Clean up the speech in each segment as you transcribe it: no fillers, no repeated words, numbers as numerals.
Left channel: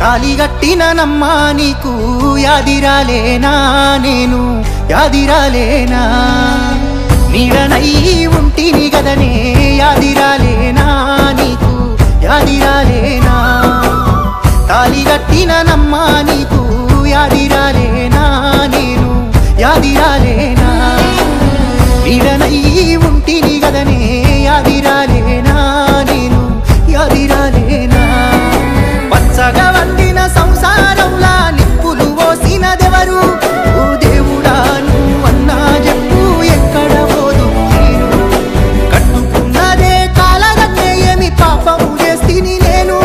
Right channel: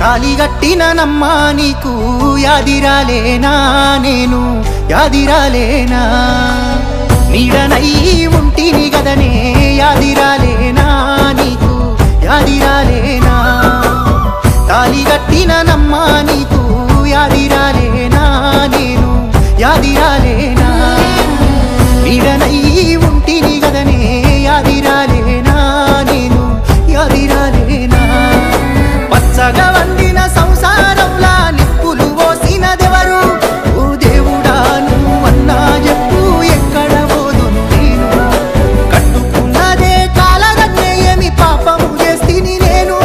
తాలిగట్టిన నమ్మా నీకు యాదిరాలేనా నేను యాదిరాలేనా నీడనై ఉంటిని గదనే యాదిరాలేనా నీకు యాదిరాలేనా తాలిగట్టిన నమ్మా నీకు యాదిరాలేనా నేను యాదిరాలేనా నీడనై ఉంటిని గదనే యాదిరాలేనా నేను యాదిరాలేనా పచ్చగా వండిన సంసారంలా నిప్పులు పోసినదెవరు ఓ దేవుడా నువ్వన్నా చెప్పు ఎక్కడ పోదు నేను కట్టుకున్నదే కాలగన్నే ఏమి పాపము చేస్తిని నేను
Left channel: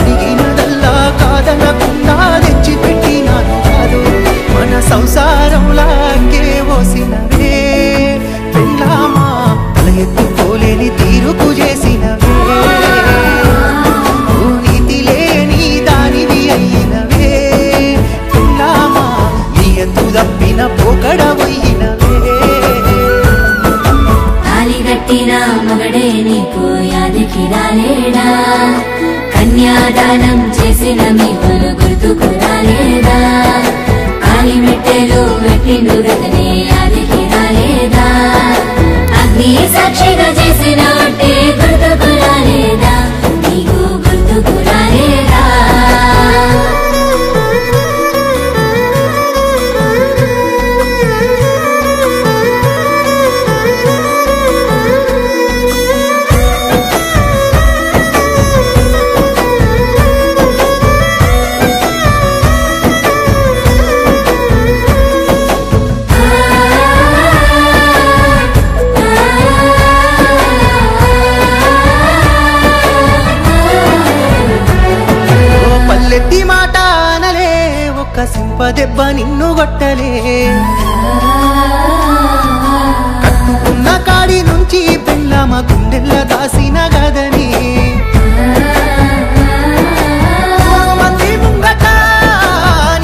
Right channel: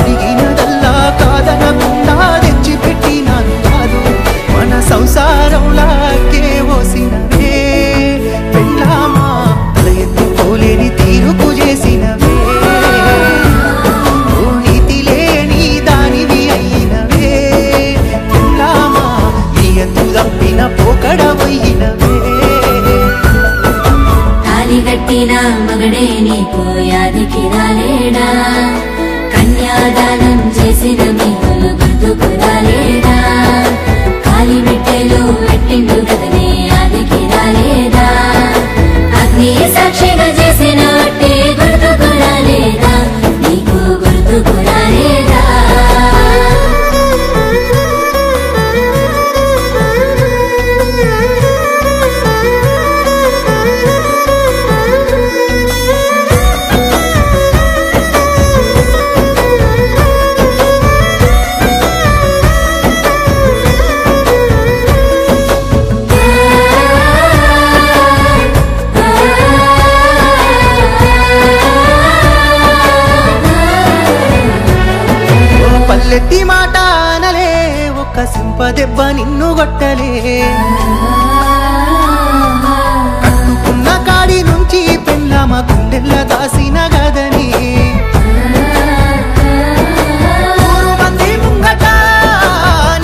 అడిగినదల్లా కాదనకుండా తెచ్చి పెట్టినాను కాదు మన సంసారంలాగే పోసినవే పెళ్ళామా తల ఎత్తుకోలేని తీరుకు చేసినవే తప్పిన పోకడవయ్యినవే తాలిగట్టిన మగడే నీకు యాదికి రాలేడా కన్యాదానం చేసిన మీకులు గుర్తుకు రాలేదా కాలిమెట్టెలు వెట్టిండు రతనే యాదికి రాలేదా అగ్ని సాక్షిగా చేసిన ఒట్టే గుర్తుకు రాలేదా నీకు గుర్తుకు రాలేదా పల్లెత్తి మాట అనలే ఒక్క సింపదెబ్బ నిన్ను గొట్టలే కట్టుకున్న కాడి నుంచి పెళ్ళామ గుండెల్ల దాసిన గదని 100 మంది ముంగట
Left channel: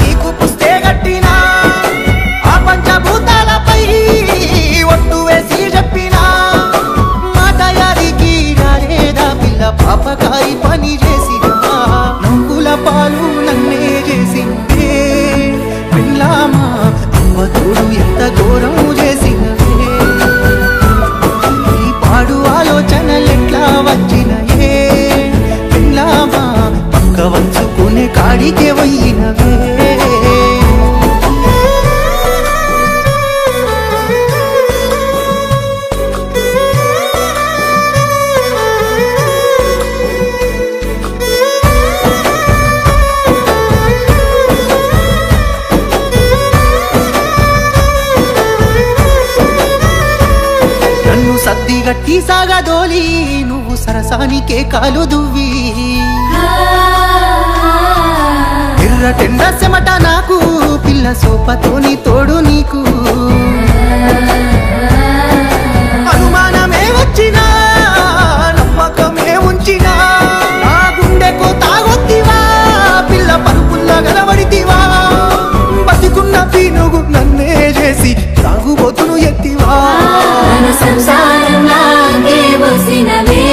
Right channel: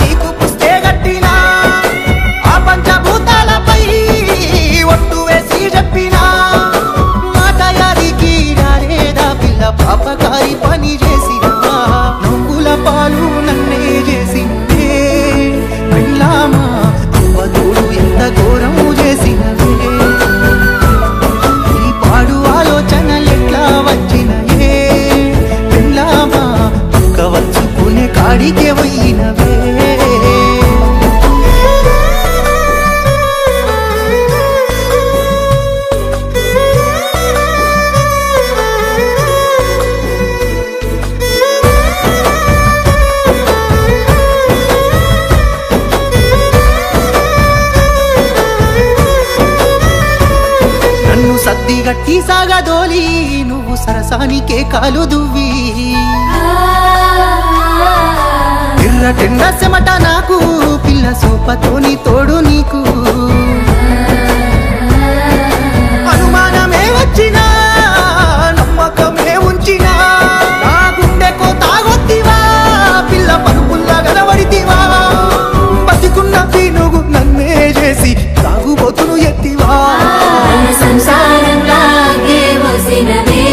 నీకు పుస్తే గట్టినా ఆ పంచభూతాలపై ఒట్టు వేసి చెప్పినా మాట యాదికి రాలేదా పిల్ల పాపకారి పని చేసినా నవ్వుల పాలు నన్నే చేసినవే పెళ్ళామా అవ్వతోడు ఎంత ఘోరము చేసినవే ఈ పాడు ఆలోచనలెట్లా వచ్చినయే పెళ్ళామా పక్క వంచుకునే కాడికే పోయినవే సద్దిగట్టి సాగదోలి నువ్వు సరసానికే కాలు దువ్వి ఎర్రటెండ చెమట నాకు పిల్ల సోపతోని తోడు నీకు అనుమానమే వచ్చినా నమ్మకమే ఉంచినా నా గుండెకో తాగొత్తివా పిల్ల పరుపుల్లా గలవడితివా బతికున్న పీనుగు నన్నే చేసి తాగుబోతును ఎత్తివా సంసారంలాగే వసినవే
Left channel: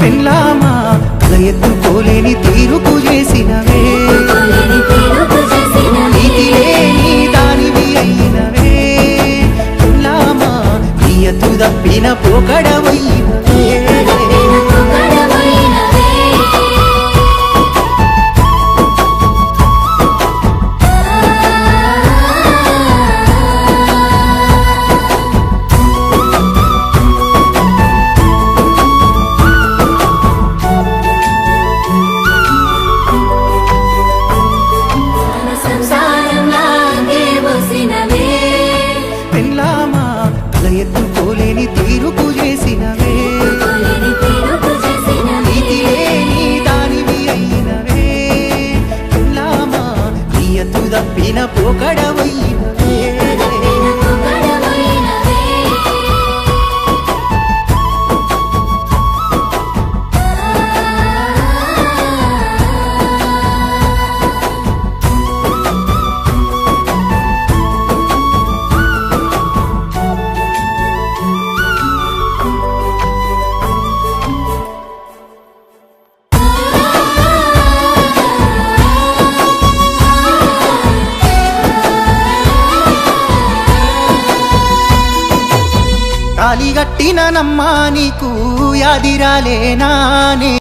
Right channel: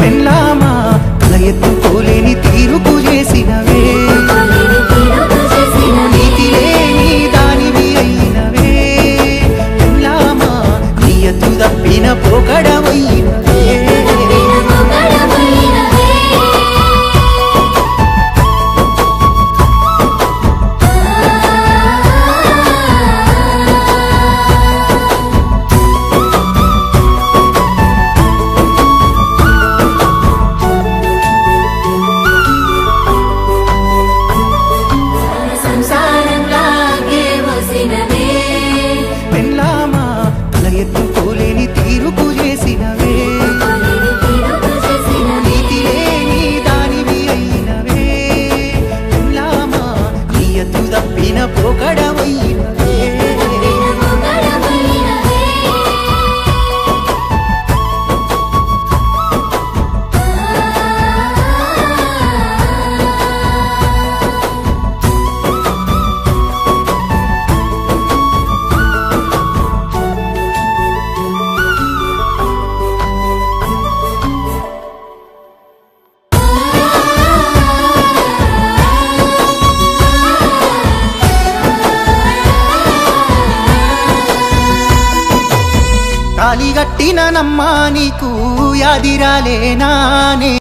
పెళ్ళామా తల ఎత్తుకోలేని తీరుకు చేసినవే నీతి లేని దానివి అయినవే పెళ్ళామా నీ ఎత్తు తప్పిన పోకడవయ్యినవే పెళ్ళామా తల ఎత్తుకోలేని తీరుకు చేసినవే నీతి లేని దానివి అయినవే పెళ్ళామా నీ ఎత్తు తప్పిన పోకడవయ్యినవే తాలి గట్టిన నమ్మా నీకు యాదిరాలేనా నేను